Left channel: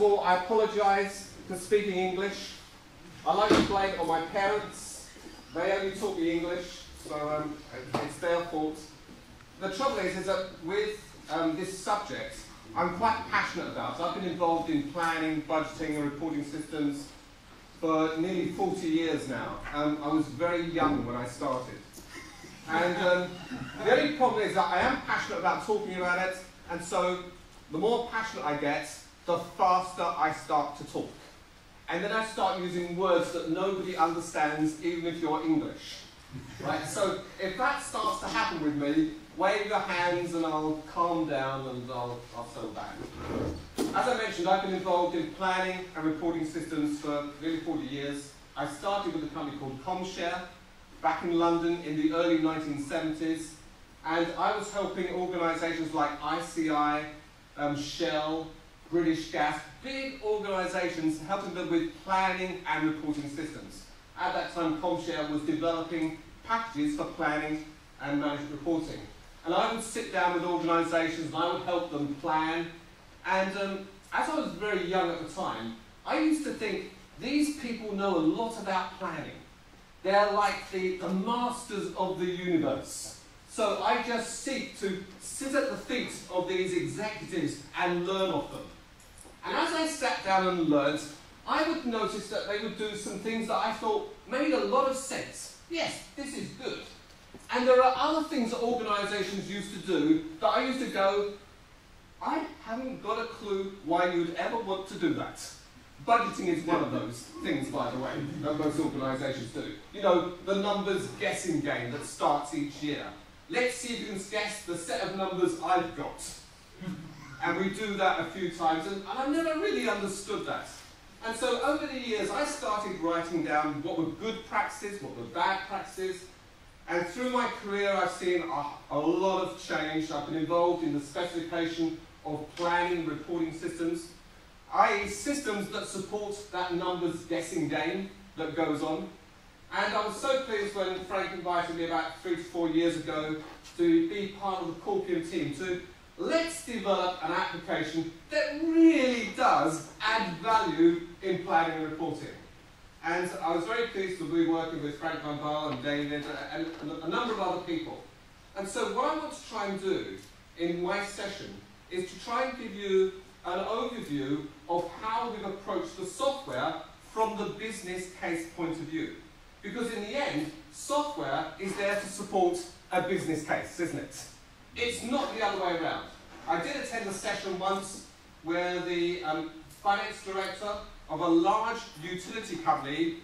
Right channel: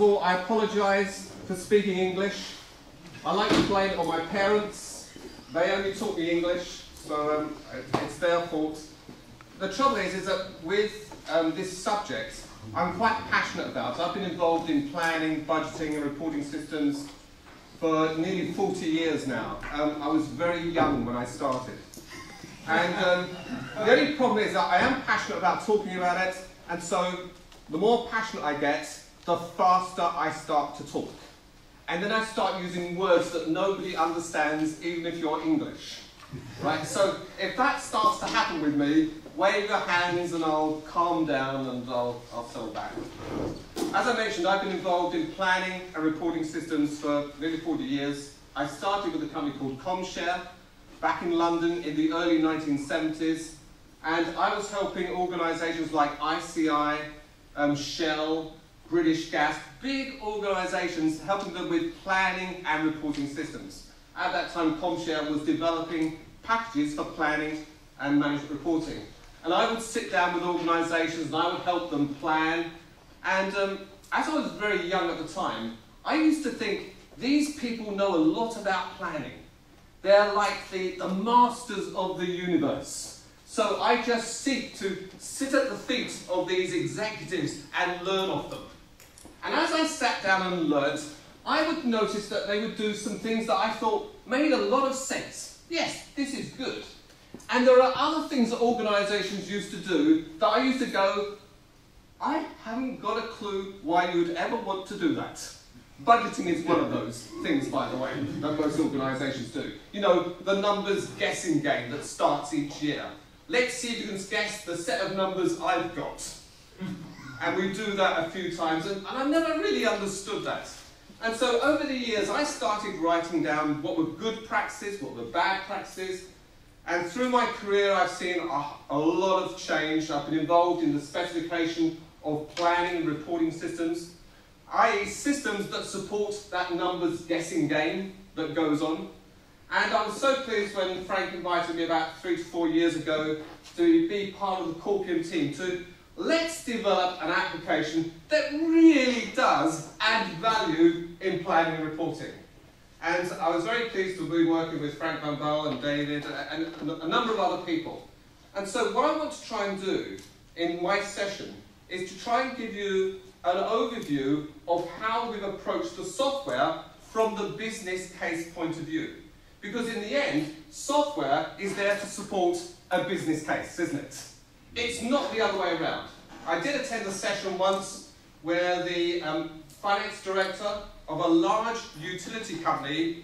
Well, I apologise for speaking English. I like to blame it on my parents. They only taught me English, so it's their fault. The trouble is that with this subject, I'm quite passionate about it. I've been involved in planning, budgeting and reporting systems for nearly 40 years now. I was very young when I started. And the only problem is that I am passionate about talking about it, and so the more passionate I get, the faster I start to talk. And then I start using words that nobody understands, even if you're English. Right? So if that starts to happen with me, wave your hands and I'll calm down and I'll settle back. As I mentioned, I've been involved in planning and reporting systems for nearly 40 years. I started with a company called ComShare back in London in the early 1970s. And I was helping organisations like ICI, Shell, British Gas, big organisations, helping them with planning and reporting systems. At that time, ComShare was developing packages for planning and management reporting. And I would sit down with organisations and I would help them plan. And as I was very young at the time, I used to think, these people know a lot about planning. They're like the masters of the universe. So I just seek to sit at the feet of these executives and learn off them. And as I sat down and learned, I would notice that they would do some things that I thought made a lot of sense. Yes, this is good. And there are other things that organisations used to do that I used to go, I haven't got a clue why you would ever want to do that. Budgeting is one of those things, by the way, that most organisations do. You know, the numbers guessing game that starts each year. Let's see if you can guess the set of numbers I've got. And we do that a few times, and I never really understood that. And so over the years, I started writing down what were good practices, what were bad practices. And through my career, I've seen a lot of change. I've been involved in the specification of planning and reporting systems, i.e. systems that support that numbers guessing game that goes on. And I was so pleased when Frank invited me about 3 to 4 years ago to be part of the Corpium team to let's develop an application that really does add value in planning and reporting. And I was very pleased to be working with Frank Van Baal and David and a number of other people. And so what I want to try and do in my session is to try and give you an overview of how we've approached the software from the business case point of view. Because in the end, software is there to support a business case, isn't it? It's not the other way around. I did attend a session once where the finance director of a large utility company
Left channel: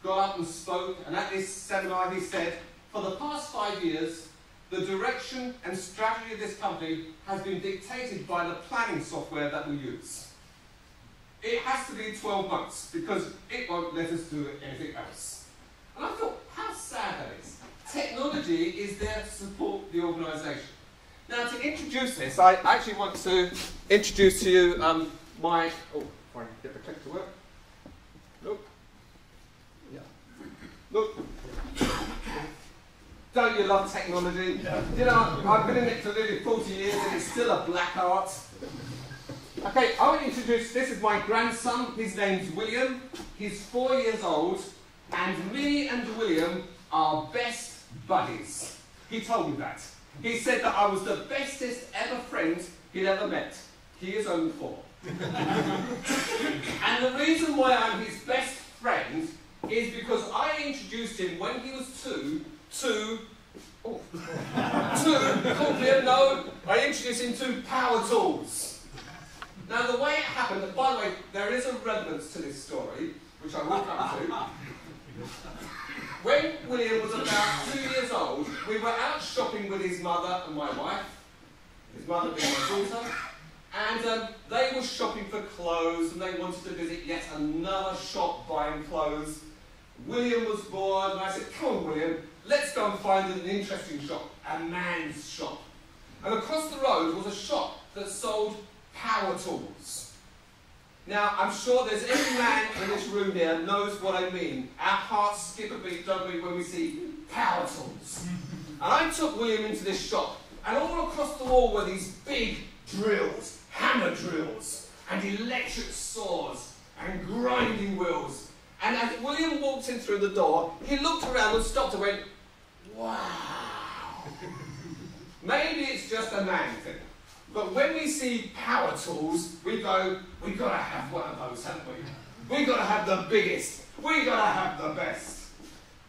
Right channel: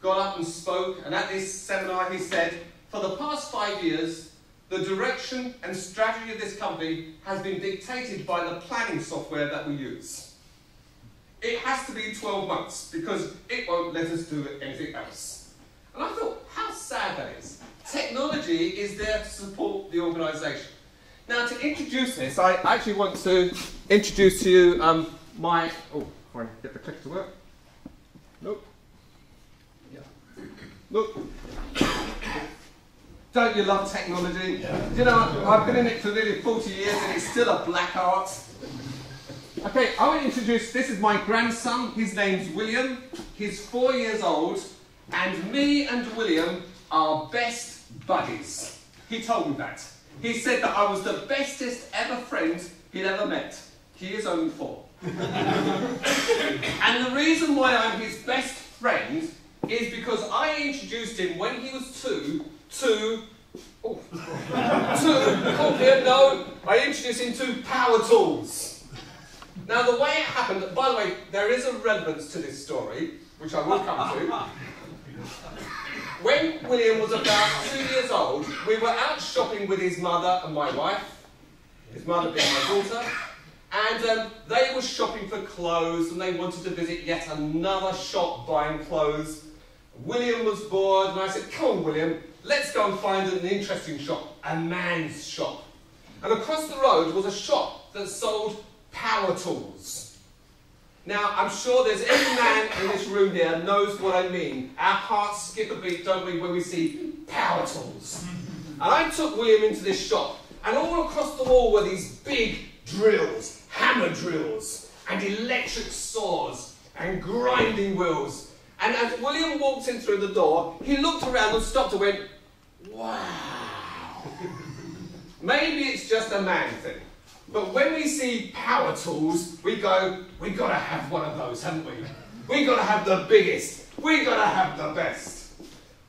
got up and spoke, and at this seminar he said, for the past 5 years, the direction and strategy of this company has been dictated by the planning software that we use. It has to be 12 months because it won't let us do anything else. And I thought, how sad that is. Technology is there to support the organisation. Now, to introduce this, I actually want to introduce to you my... Oh, if I can get the click to work. Nope. Yeah. Look. Don't you love technology? Yeah. You know, I've been in it for nearly 40 years and it's still a black art. Okay, I want to introduce, this is my grandson. His name's William. He's 4 years old. And me and William are best buddies. He told me that. He said that I was the bestest ever friend he'd ever met. He is only 4. And the reason why I'm his best friend is because I introduced him when he was 2 to... Oh, I introduced him to power tools. Now the way it happened, by the way, there is a relevance to this story, which I will come to. When William was about 2 years old, we were out shopping with his mother and my wife, his mother being my daughter, and they were shopping for clothes and they wanted to visit yet another shop buying clothes. William was bored and I said, come on William, let's go and find an interesting shop, a man's shop. And across the road was a shop that sold power tools. Now, I'm sure there's every man in this room here knows what I mean. Our hearts skip a beat, don't we, when we see power tools. And I took William into this shop, and all across the wall were these big drills, hammer drills. and electric saws and grinding wheels. And as William walked in through the door, he looked around and stopped and went, wow. Maybe it's just a man thing, but when we see power tools, we go, we've got to have one of those, haven't we? We've got to have the biggest. We've got to have the best.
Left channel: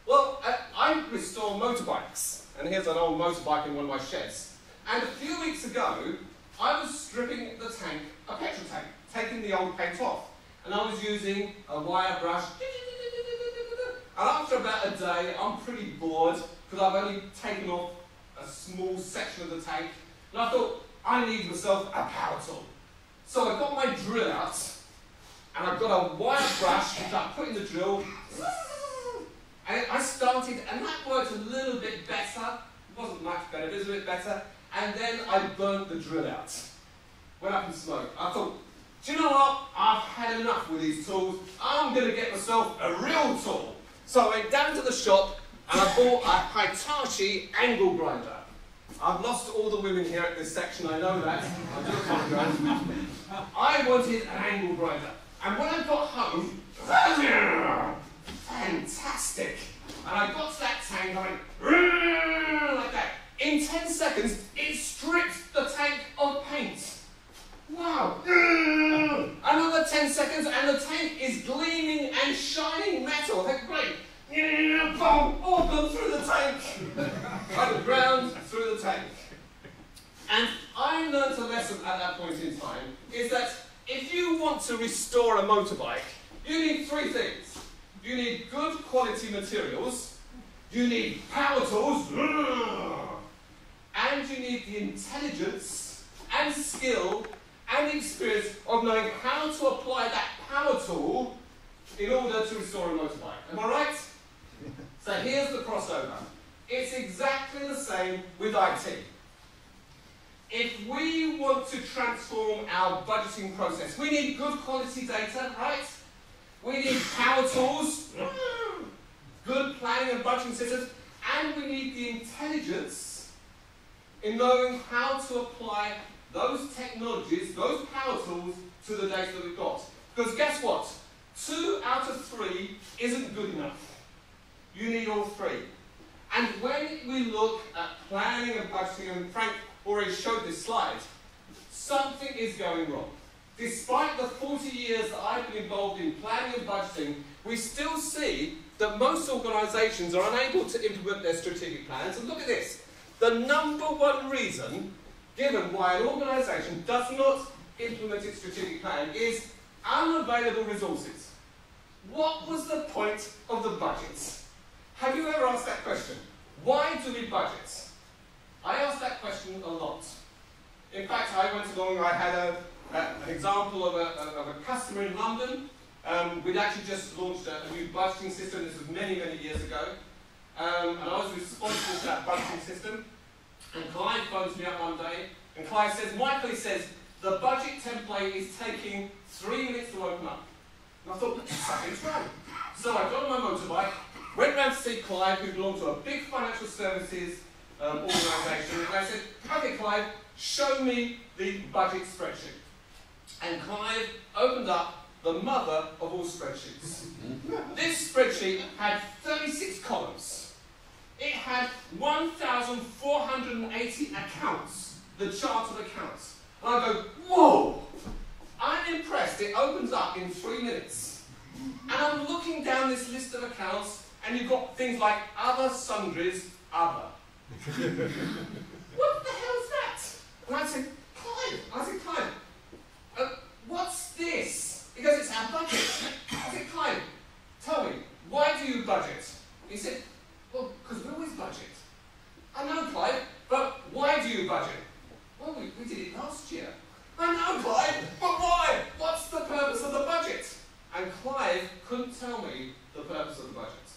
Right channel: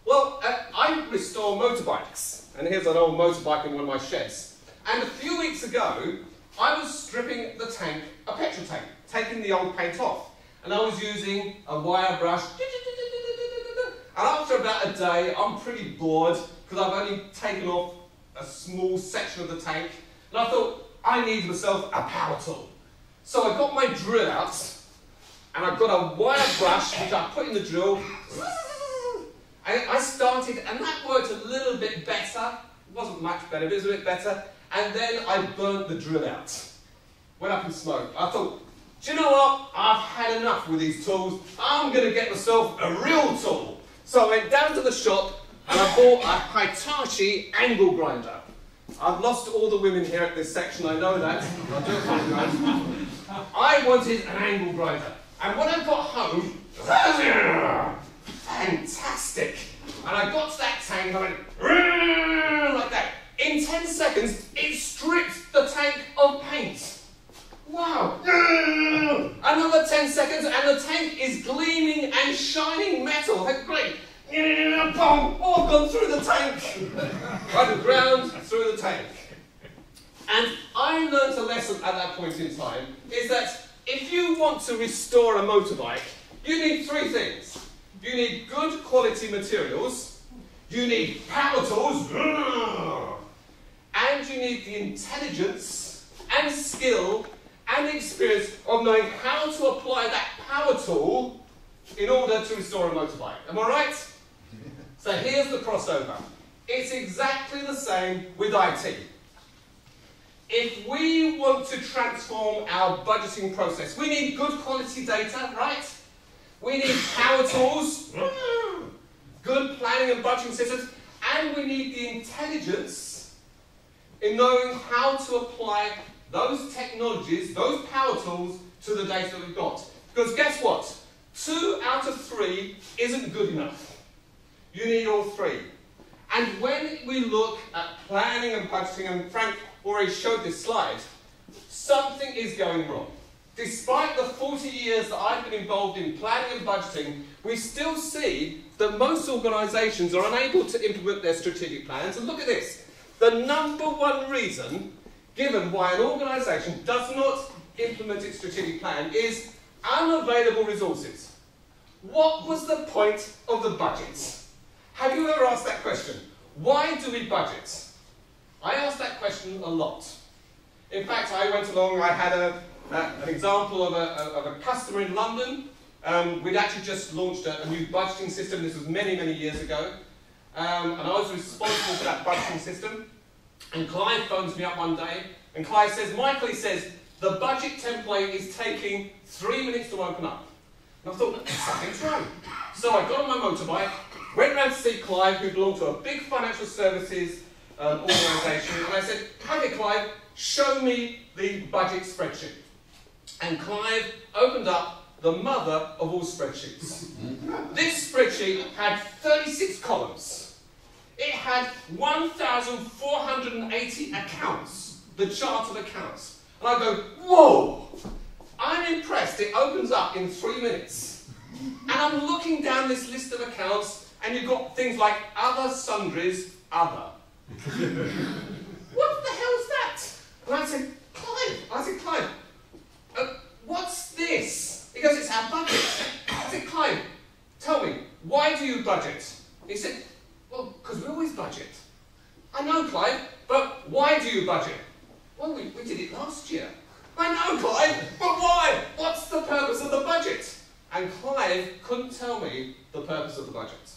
Well, I restore motorbikes, and here's an old motorbike in one of my sheds. And a few weeks ago, I was stripping the tank, a petrol tank, taking the old paint off. And I was using a wire brush. And after about a day, I'm pretty bored because I've only taken off a small section of the tank. And I thought, I need myself a power tool. So I got my drill out, and I've got a wire brush which I put in the drill. And I started, and that worked a little bit better. It wasn't much better, but it was a bit better. And then I burnt the drill out. Went up in smoke. I thought, do you know what? I've had enough with these tools. I'm going to get myself a real tool. So I went down to the shop and I bought a Hitachi angle grinder. I've lost all the women here at this section, I know that. I do apologise. I wanted an angle grinder. And when I got home, fantastic. And I got to that tank, I went like that. In 10 seconds, it stripped the tank of paint. Wow. Another 10 seconds and the tank is gleaming and shining metal. That's great. Boom. Oh, I've gone through the tank. Underground, through the tank. And I learned a lesson at that point in time, is that if you want to restore a motorbike, you need three things. You need good quality materials, you need power tools, and you need the intelligence and skill and experience of knowing how to apply that power tool in order to restore a motorbike. Am I right? So here's the crossover. It's exactly the same with IT. If we want to transform our budgeting process, we need good quality data, right? We need power tools, good planning and budgeting systems, and we need the intelligence in knowing how to apply those technologies, those power tools, to the data that we've got. Because guess what? 2 out of 3 isn't good enough. You need all 3. And when we look at planning and budgeting, and Frank already showed this slide, something is going wrong. Despite the 40 years that I've been involved in planning and budgeting, we still see that most organisations are unable to implement their strategic plans. And look at this. The number one reason given why an organisation does not implement its strategic plan is unavailable resources. What was the point of the budget? Have you ever asked that question? Why do we budget? I ask that question a lot. In fact, I went along, I had an example of a customer in London. We'd actually just launched a new budgeting system. This was many, many years ago. And I was responsible for that budgeting system. And Clive phones me up one day, and Clive says, Michael, he says, the budget template is taking 3 minutes to open up. And I thought, something's wrong. So I got on my motorbike, went round to see Clive, who belonged to a big financial services organisation, and I said, okay, Clive, show me the budget spreadsheet. And Clive opened up the mother of all spreadsheets. This spreadsheet had 36 columns. It had 1,480 accounts, the chart of accounts. And I go, whoa! I'm impressed. It opens up in 3 minutes. And I'm looking down this list of accounts, and you've got things like other sundries, other. What the hell is that? And I said, Clive, what's this? He goes, it's our budget. I said, Clive, tell me, why do you budget? He said, well, because we always budget. I know, Clive, but why do you budget? Well, we did it last year. I know, Clive, but why? What's the purpose of the budget? And Clive couldn't tell me the purpose of the budget.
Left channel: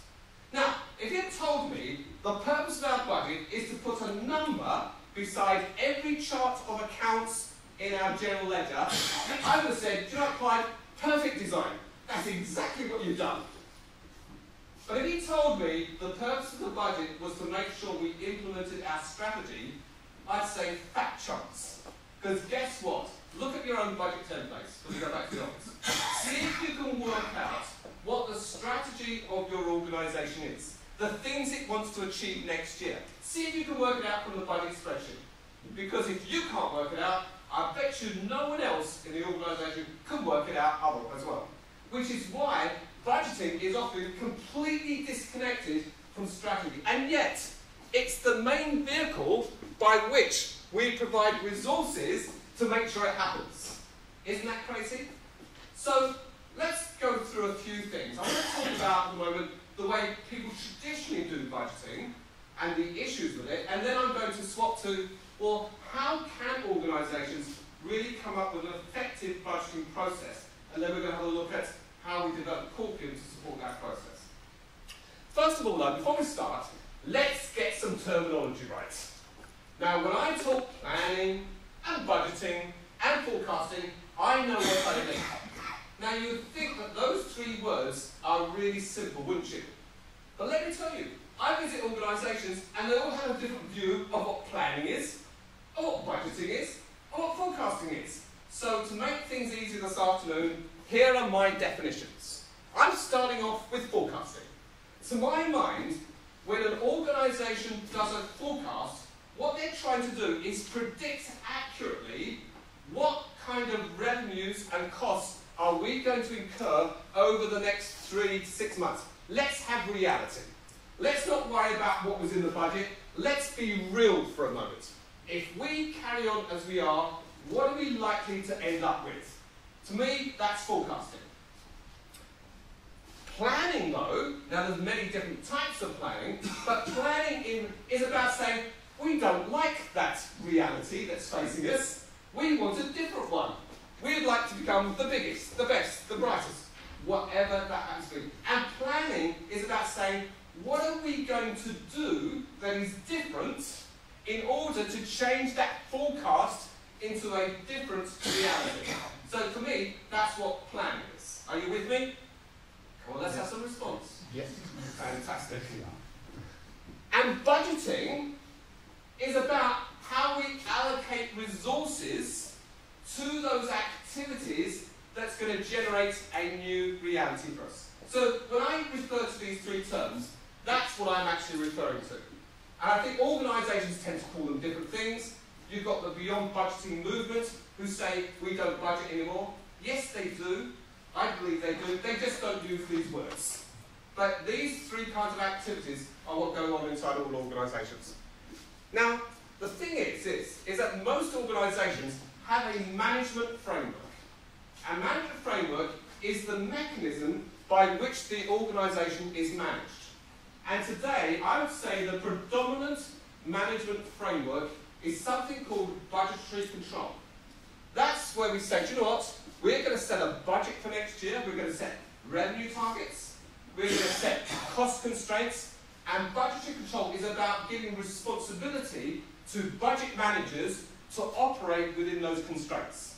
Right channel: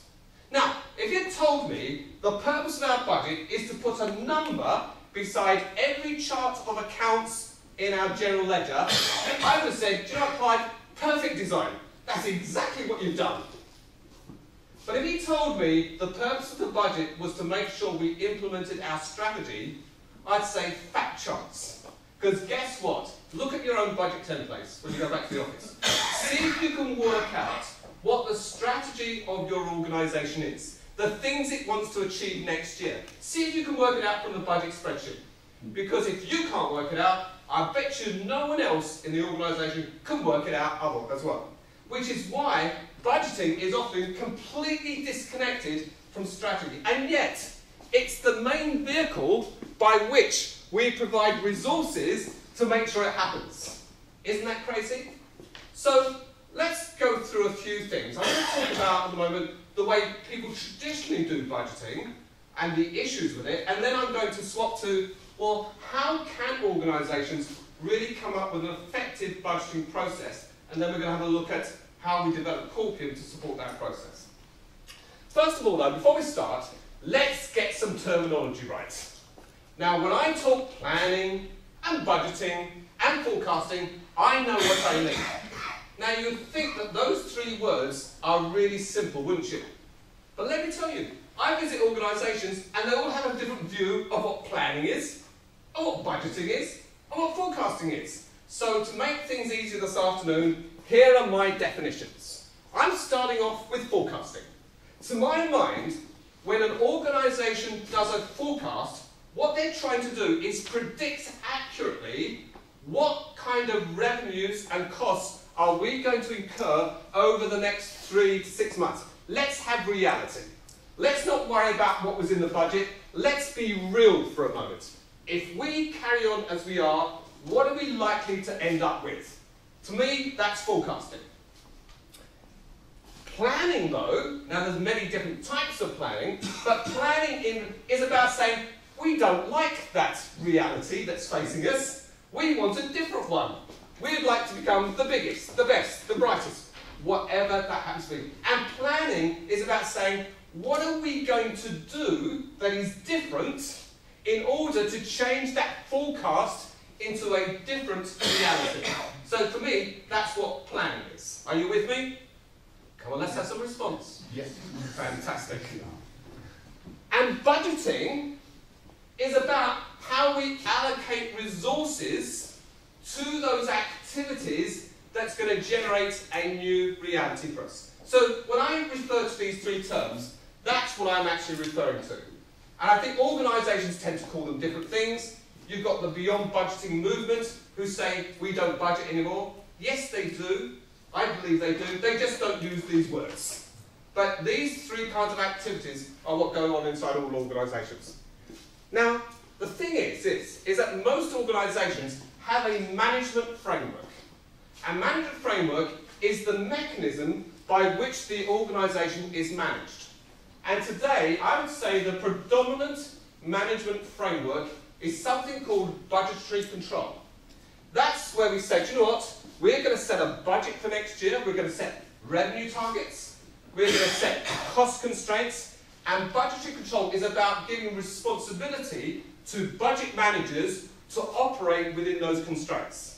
Now, if you'd told me the purpose of our budget is to put a number beside every chart of accounts in our general ledger, I would have said, do you know what, Clive? Perfect design. That's exactly what you've done. But if he told me the purpose of the budget was to make sure we implemented our strategy, I'd say fat chance. Because guess what? Look at your own budget templates when you go back to the office. See if you can work out what the strategy of your organisation is, the things it wants to achieve next year. See if you can work it out from the budget spreadsheet. Because if you can't work it out, I bet you no one else in the organisation can work it out as well. Which is why budgeting is often completely disconnected from strategy. And yet, it's the main vehicle by which we provide resources to make sure it happens. Isn't that crazy? So, let's go through a few things. I'm going to talk about, at the moment, the way people traditionally do budgeting and the issues with it, and then I'm going to swap to, well, how can organisations really come up with an effective budgeting process? And then we're going to have a look at how we develop Coveney to support that process. First of all, though, before we start, let's get some terminology right. Now, when I talk planning and budgeting and forecasting, I know what I mean. Now, you'd think that those three words are really simple, wouldn't you? But let me tell you, I visit organisations and they all have a different view of what planning is, of what budgeting is, and what forecasting is. So, to make things easier this afternoon, here are my definitions. I'm starting off with forecasting. To my mind, when an organisation does a forecast, what they're trying to do is predict accurately what kind of revenues and costs are we going to incur over the next 3 to 6 months. Let's have reality. Let's not worry about what was in the budget. Let's be real for a moment. If we carry on as we are, what are we likely to end up with? To me, that's forecasting. Planning, though, now there's many different types of planning, but planning is about saying, we don't like that reality that's facing us. We want a different one. We'd like to become the biggest, the best, the brightest, whatever that happens to be. And planning is about saying, what are we going to do that is different in order to change that forecast into a different reality? So for me, that's what planning is. Are you with me? Come on, let's have some response. Yes. Fantastic. And budgeting is about how we allocate resources to those activities that's going to generate a new reality for us. So when I refer to these three terms, that's what I'm actually referring to. And I think organisations tend to call them different things. You've got the beyond budgeting movement who say we don't budget anymore. Yes, they do. I believe they do. They just don't use these words. But these three kinds of activities are what go on inside all organisations. Now, the thing is that most organisations have a management framework. And management framework is the mechanism by which the organisation is managed. And today, I would say the predominant management framework is something called budgetary control. That's where we say, do you know what? We're going to set a budget for next year. We're going to set revenue targets. We're going to set cost constraints. And budgetary control is about giving responsibility to budget managers to operate within those constraints.